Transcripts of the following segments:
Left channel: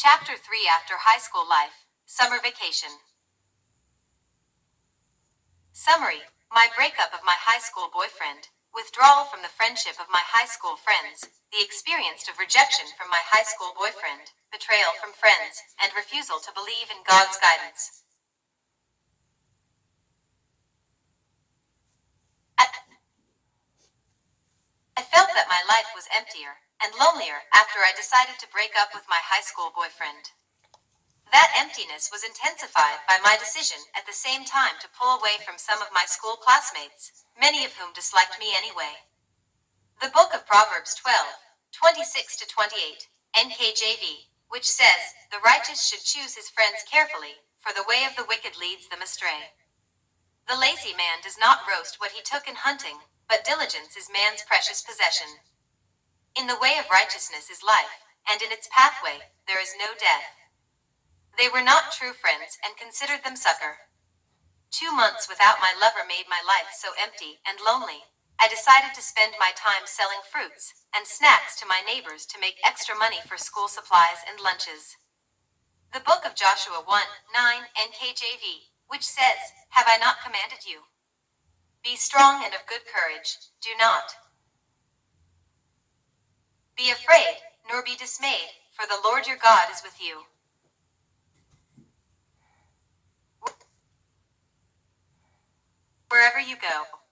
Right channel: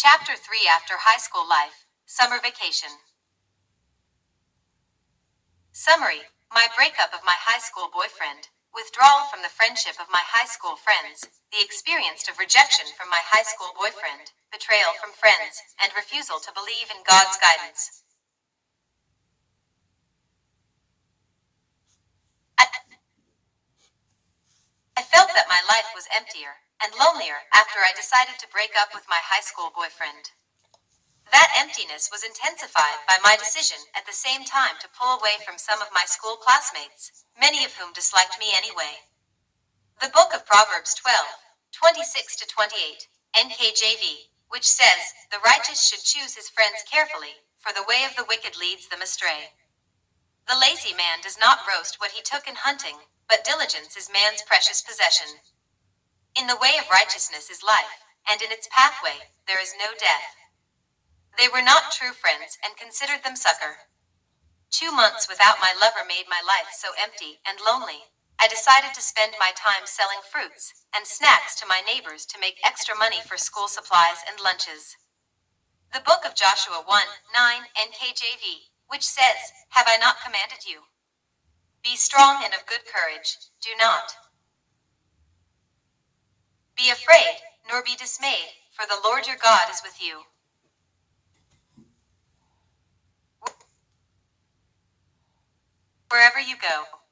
Chapter 3 After High School Life, Summer Vacation. Summary: my breakup of my high school boyfriend, withdrawal from the friendship of my high school friends, the experience of rejection from my high school boyfriend, betrayal from friends, and refusal to believe in God's guidance. I felt that my life was emptier and lonelier after I decided to break up with my high school boyfriend. That emptiness was intensified by my decision at the same time to pull away from some of my school classmates, many of whom disliked me anyway. The book of Proverbs 12:26-28, NKJV, which says, "The righteous should choose his friends carefully, for the way of the wicked leads them astray." The lazy man does not roast what he took in hunting, but diligence is man's precious possession. In the way of righteousness is life, and in its pathway there is no death. They were not true friends and considered them succor. 2 months without my lover made my life so empty and lonely. I decided to spend my time selling fruits and snacks to my neighbors to make extra money for school supplies and lunches. The book of Joshua 1:9 NKJV, which says, "Have I not commanded you? Be strong and of good courage, do not be afraid, nor be dismayed, for the Lord your God is with you, wherever you go."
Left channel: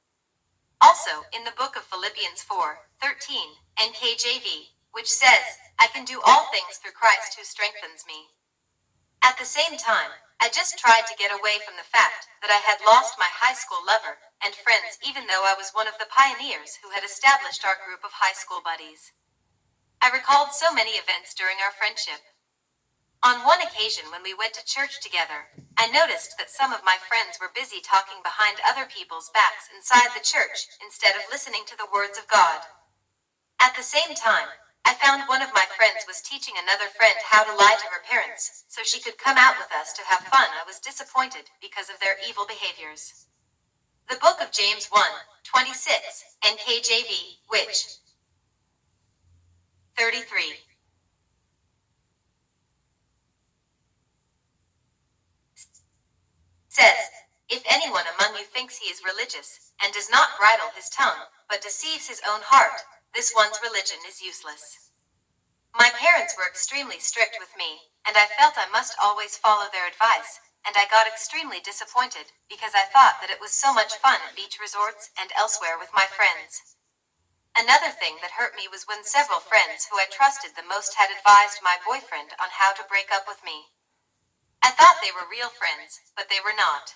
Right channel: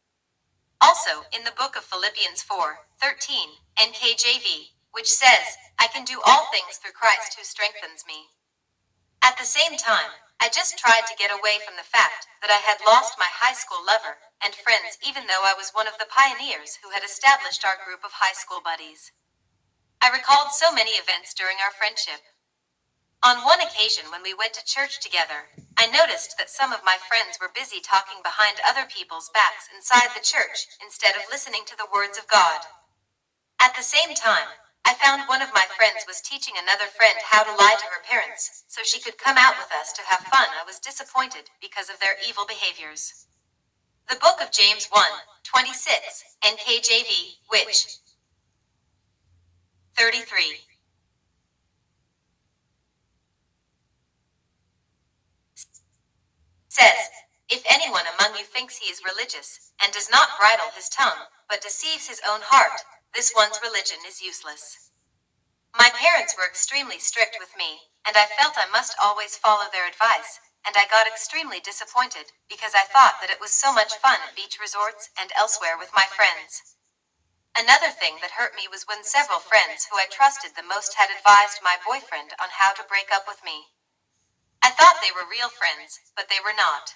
Also, in the book of Philippians 4:13 NKJV, which says, "I can do all things through Christ who strengthens me." At the same time, I just tried to get away from the fact that I had lost my high school lover and friends, even though I was one of the pioneers who had established our group of high school buddies. I recalled so many events during our friendship. On one occasion when we went to church together, I noticed that some of my friends were busy talking behind other people's backs inside the church instead of listening to the words of God. At the same time, I found one of my friends was teaching another friend how to lie to her parents so she could come out with us to have fun. I was disappointed because of their evil behaviors. The book of James 1:26 NKJV, which 33 says, "If anyone among you thinks he is religious and does not bridle his tongue, but deceives his own heart, this one's religion is useless." My parents were extremely strict with me, and I felt I must always follow their advice, and I got extremely disappointed because I thought that it was so much fun at beach resorts and elsewhere with my friends. Another thing that hurt me was when several friends who I trusted the most had advised my boyfriend on how to break up with me. I thought they were real friends, but they were not.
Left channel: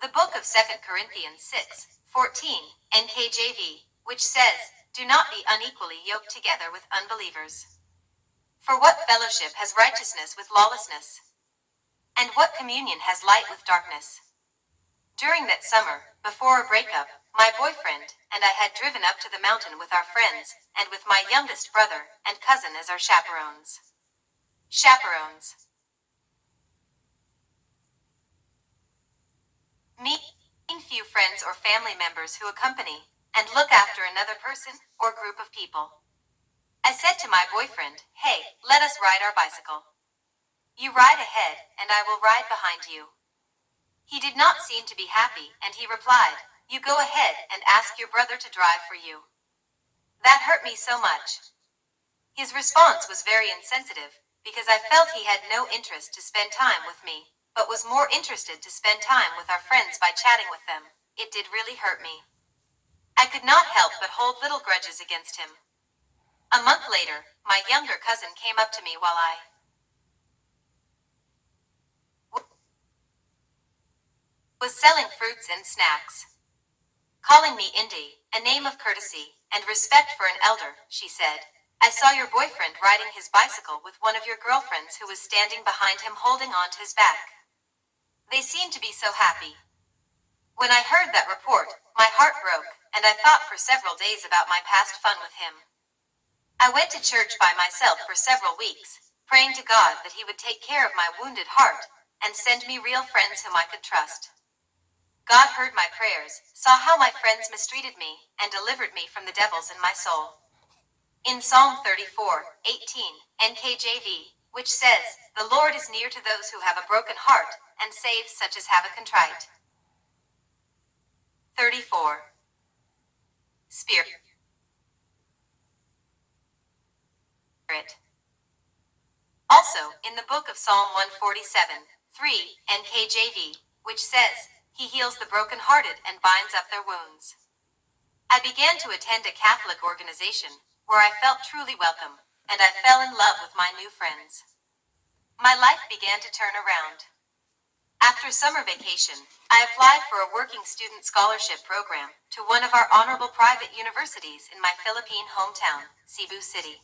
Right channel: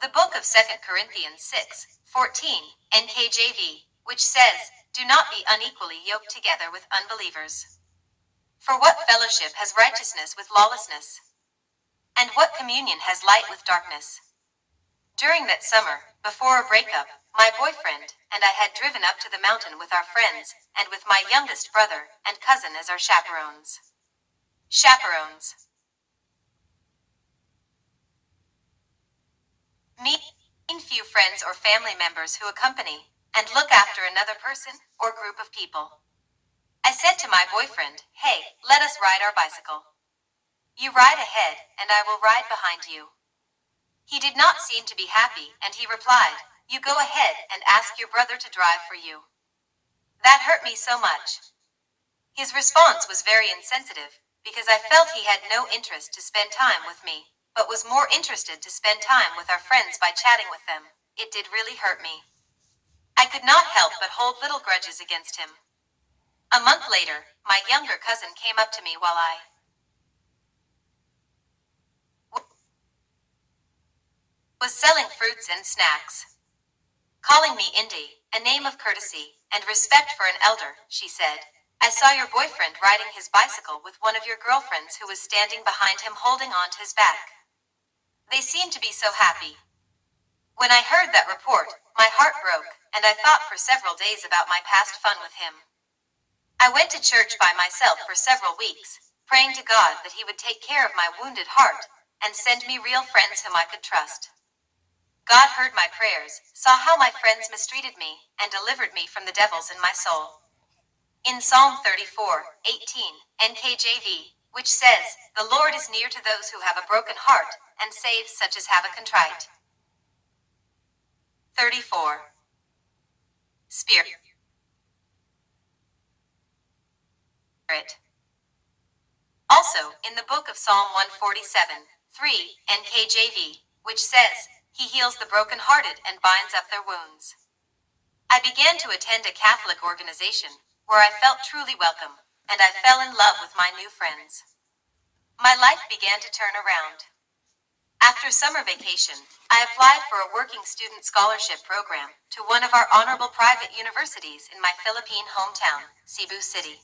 The book of 2 Corinthians 6:14 NKJV, which says, "Do not be unequally yoked together with unbelievers. For what fellowship has righteousness with lawlessness? And what communion has light with darkness?" During that summer, before a breakup, my boyfriend and I had driven up to the mountain with our friends and with my youngest brother and cousin as our chaperones. Mean few friends or family members who accompany and look after another person or group of people. I said to my boyfriend, "Hey, let us ride our bicycle. You ride ahead and I will ride behind you." He did not seem to be happy and he replied, "You go ahead and ask your brother to drive for you." That hurt me so much. His response was very insensitive because I felt he had no interest to spend time with me, but was more interested to spend time with our friends by chatting with them. It did really hurt me. I could not help but hold little grudges against him. A month later, my younger cousin came up to me while I was selling fruits and snacks. Calling me Indy, a name of courtesy and respect for an elder, she said, "I saw your boyfriend riding his bicycle with one of your girlfriends who was standing behind him holding on to his back. They seemed to be so happy." When I heard that report, my heart broke, and I thought for several days about my past fun with him. I went to church by myself for several weeks, praying to God that he would take care of my wounded heart and send me real friends whom I could trust. God heard my prayers, saw how my friends mistreated me, and delivered me from the devils in my soul. In Psalm 34:18 NKJV, which says, "The Lord is near to those who have a broken heart, and saves such as have a contrite." 34. Spirit. Also, in the book of Psalm 147:3, NKJV, which says, "He heals the brokenhearted and binds up their wounds." I began to attend a Catholic organization, where I felt truly welcome, and I fell in love with my new friends. My life began to turn around. After summer vacation, I applied for a working student scholarship program to one of our honorable private universities in my Philippine hometown, Cebu City.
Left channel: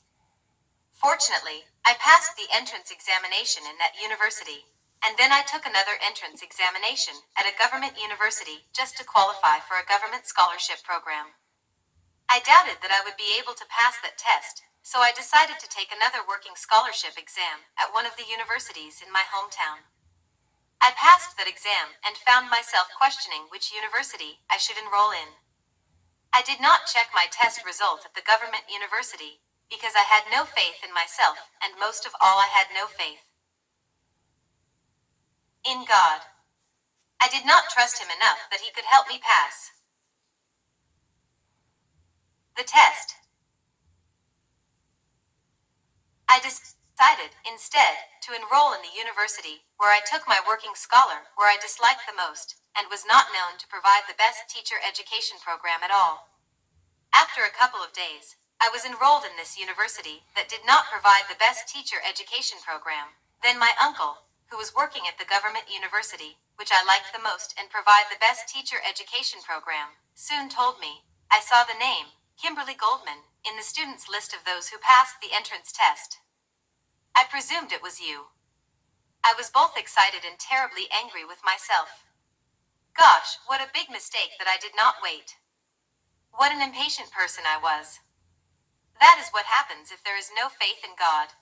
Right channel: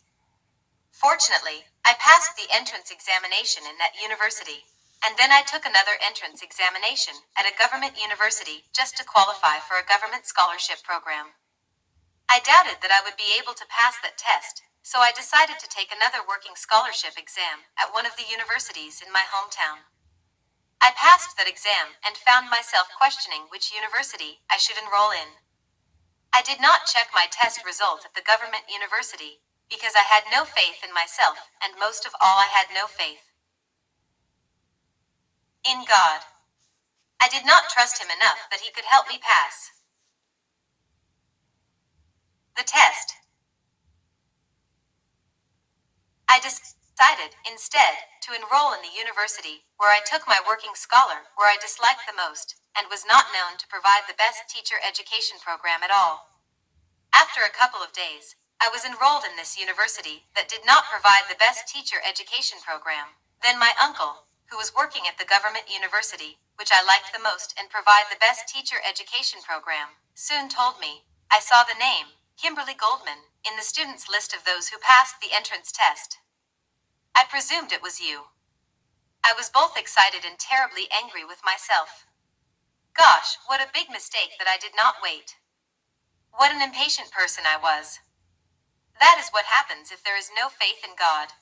Fortunately, I passed the entrance examination in that university, and then I took another entrance examination at a government university just to qualify for a government scholarship program. I doubted that I would be able to pass that test, so I decided to take another working scholarship exam at one of the universities in my hometown. I passed that exam and found myself questioning which university I should enroll in. I did not check my test result at the government university because I had no faith in myself, and most of all, I had no faith in God. I did not trust Him enough that He could help me pass the test. I decided, instead, to enroll in the university where I took my working scholar, where I disliked the most, and was not known to provide the best teacher education program at all. After a couple of days, I was enrolled in this university that did not provide the best teacher education program. Then my uncle, who was working at the government university, which I liked the most and provide the best teacher education program, soon told me, "I saw the name, Kimberly Goldman, in the students' list of those who passed the entrance test. I presumed it was you." I was both excited and terribly angry with myself. Gosh, what a big mistake that I did not wait. What an impatient person I was. That is what happens if there is no faith in God.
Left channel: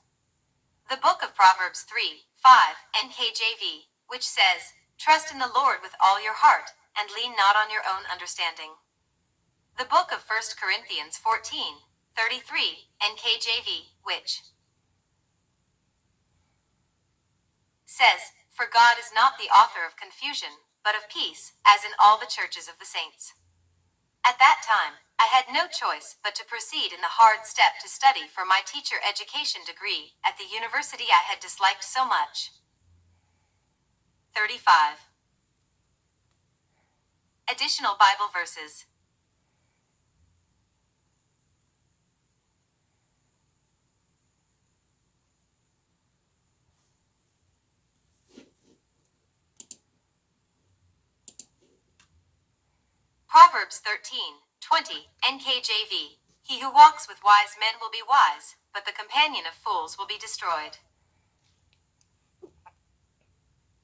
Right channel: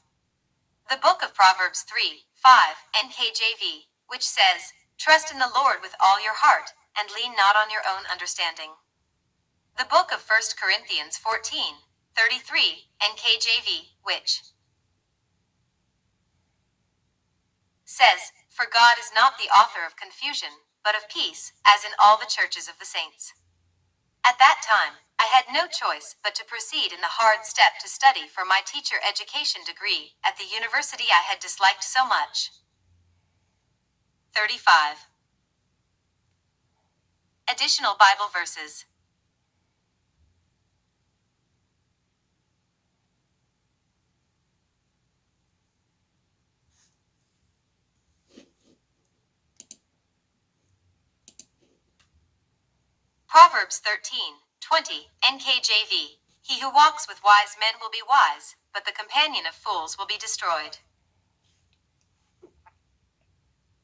The book of Proverbs 3:5, NKJV, which says, "Trust in the Lord with all your heart, and lean not on your own understanding." The book of 1 Corinthians 14:33, NKJV, which says, "For God is not the author of confusion, but of peace, as in all the churches of the saints." At that time, I had no choice but to proceed in the hard step to study for my teacher education degree at the university I had disliked so much. 35. Additional Bible verses. Proverbs 13:20, NKJV. "He who walks with wise men will be wise, but the companion of fools will be destroyed."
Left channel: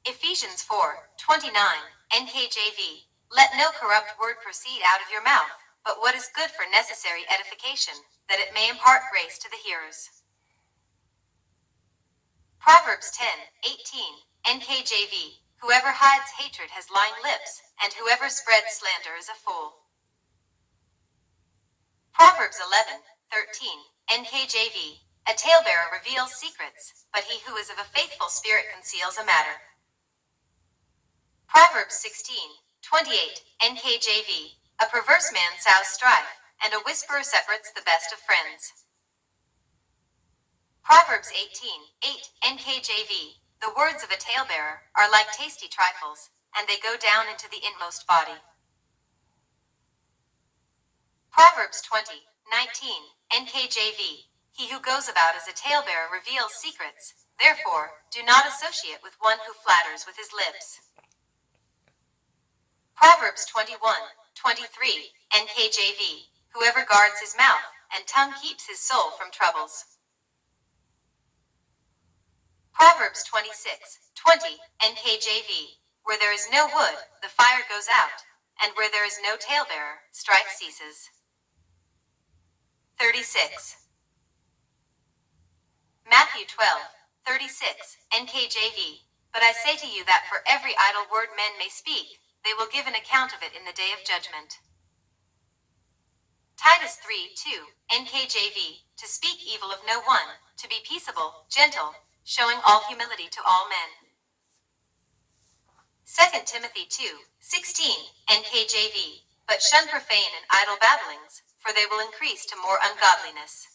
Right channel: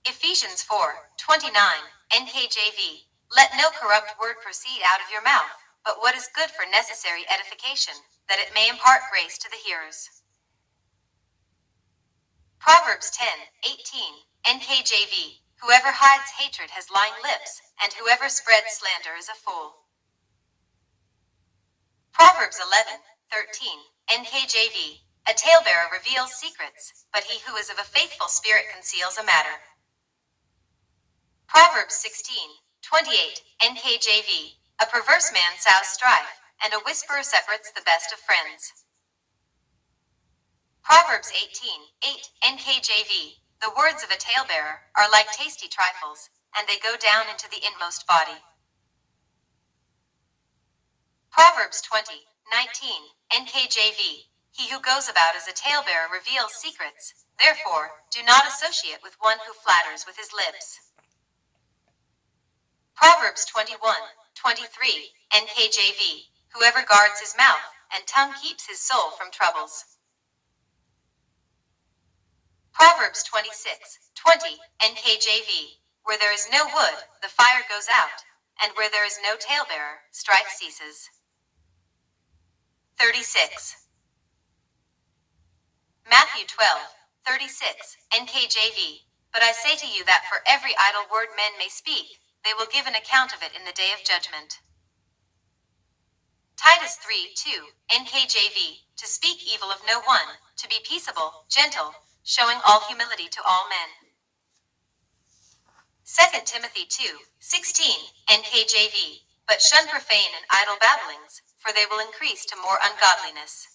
Ephesians 4:29, NKJV. "Let no corrupt word proceed out of your mouth, but what is good for necessary edification, that it may impart grace to the hearers." Proverbs 10:18, NKJV. "Whoever hides hatred has lying lips, and whoever spreads slander is a fool." Proverbs 11:13, NKJV. "A talebearer reveals secrets, but he who is of a faithful spirit conceals a matter." Proverbs 16:28, NKJV. "A perverse man sows strife, and a whisperer separates the best of friends." Proverbs 18:8, NKJV. "The words of a talebearer are like tasty trifles, and they go down into the inmost body." Proverbs 20:19, NKJV. "He who goes about as a talebearer reveals secrets, therefore do not associate with one who flatters with his lips." Proverbs 21:23, NKJV. "Whoever guards his mouth and tongue keeps his soul from troubles." Proverbs 26:20, NKJV. "Where there is no wood, the fire goes out, and where there is no talebearer, strife ceases." 36. Matthew 12:36, NKJV. "But I say to you that for every idle word men may speak, they will give an account of it in the day of judgment." Titus 3:2, NKJV. "To speak evil of no one, to be peaceable, gentle, showing all humility to all men. 2 Timothy 2:16, NKJV, but shun profane and idle babblings, for they will increase to more ungodliness.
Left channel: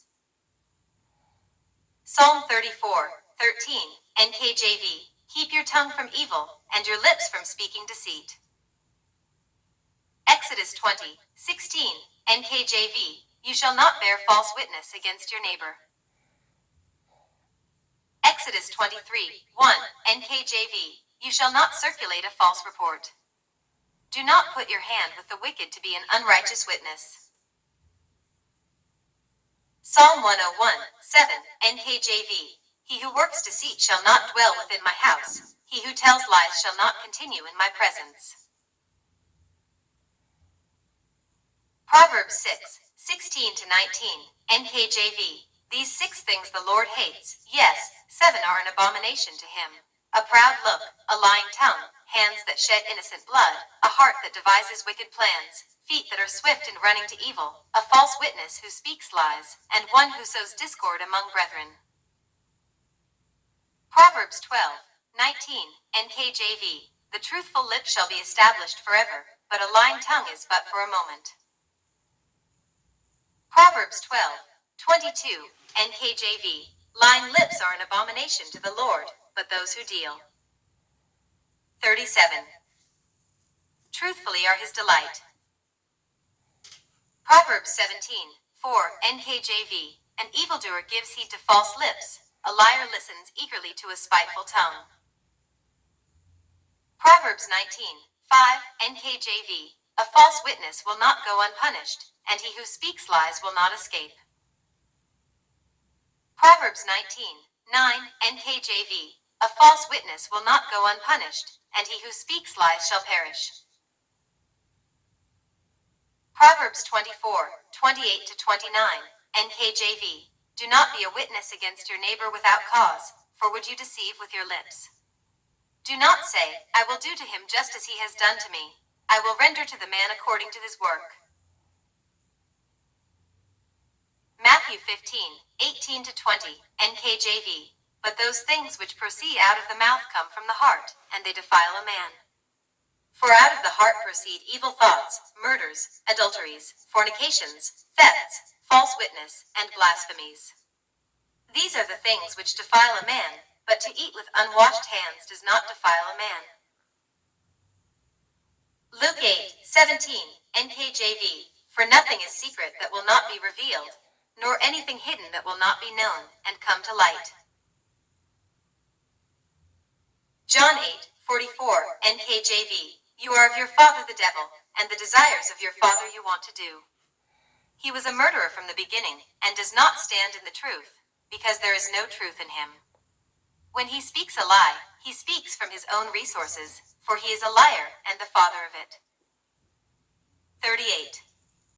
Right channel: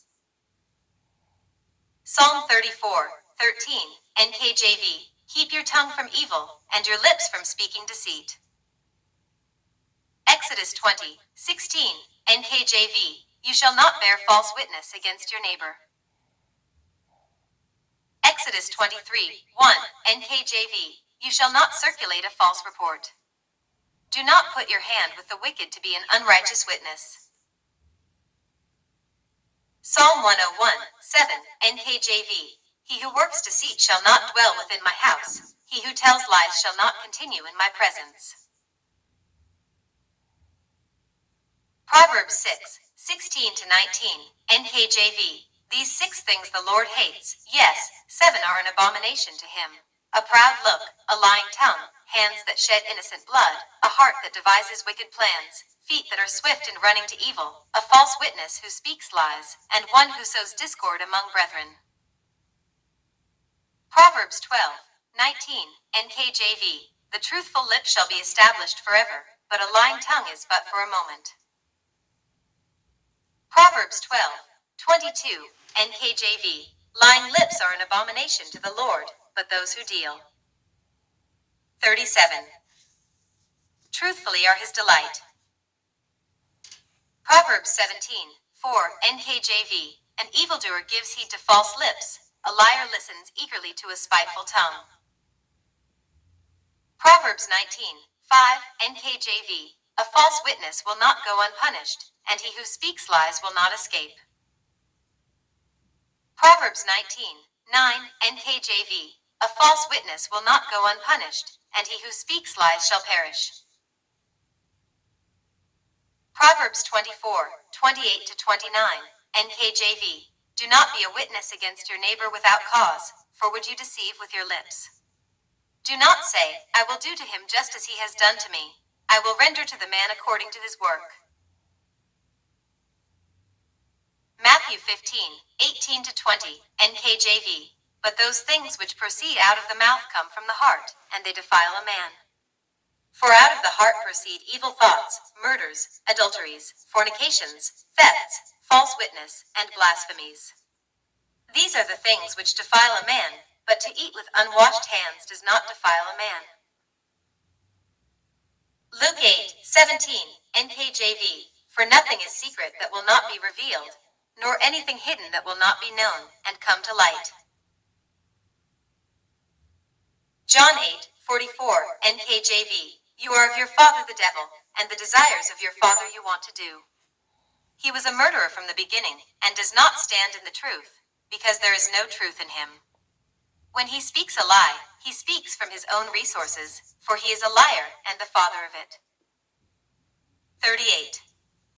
Psalm 34:13, NKJV, keep your tongue from evil, and your lips from speaking deceit. Exodus 20:16, NKJV, you shall not bear false witness against your neighbor. Exodus 23:1, NKJV, you shall not circulate a false report. Do not put your hand with the wicked to be an unrighteous witness. Psalm 101:7, NKJV, he who works deceit shall not dwell within my house, he who tells lies shall not continue in my presence. Proverbs 6:16-19, NKJV, these 6 things the Lord hates, yes, 7 are an abomination to him: a proud look, a lying tongue, hands that shed innocent blood, a heart that devises wicked plans, feet that are swift in running to evil, a false witness who speaks lies, and one who sows discord among brethren. Proverbs 12:19, NKJV, the truthful lip shall be established forever, but a lying tongue is but for a moment. Proverbs 12:22, NKJV, lying lips are an abomination to the Lord, but those who deal. 37. Truthfully are his delight. Proverbs 17:4, NKJV, an evildoer gives heed to false lips, a liar listens eagerly to a spiteful tongue. Proverbs 19:5, NKJV, a false witness will not go unpunished, and he who speaks lies will not escape. Proverbs 19:9, NKJV, a false witness will not go unpunished, and he who speaks lies shall perish. Proverbs 24:28-29, NKJV, do not be a witness against your neighbor without cause, for would you deceive with your lips? Do not say, I will do to him just as he has done to me. I will render to the man according to his work. Matthew 15:18-20, NKJV, but those things which proceed out of the mouth come from the heart, and they defile a man. For out of the heart proceed evil thoughts, murders, adulteries, fornications, thefts, false witness, and blasphemies. These are the things which defile a man, but to eat with unwashed hands does not defile a man. Luke 8:17, NKJV, for nothing is secret that will not be revealed, nor anything hidden that will not be known and come to light. John 8:44, NKJV, you are of your father the devil, and the desires of your father you want to do. He was a murderer from the beginning, and does not stand in the truth, because there is no truth in him. When he speaks a lie, he speaks from his own resources, for he is a liar and the father of it. 38.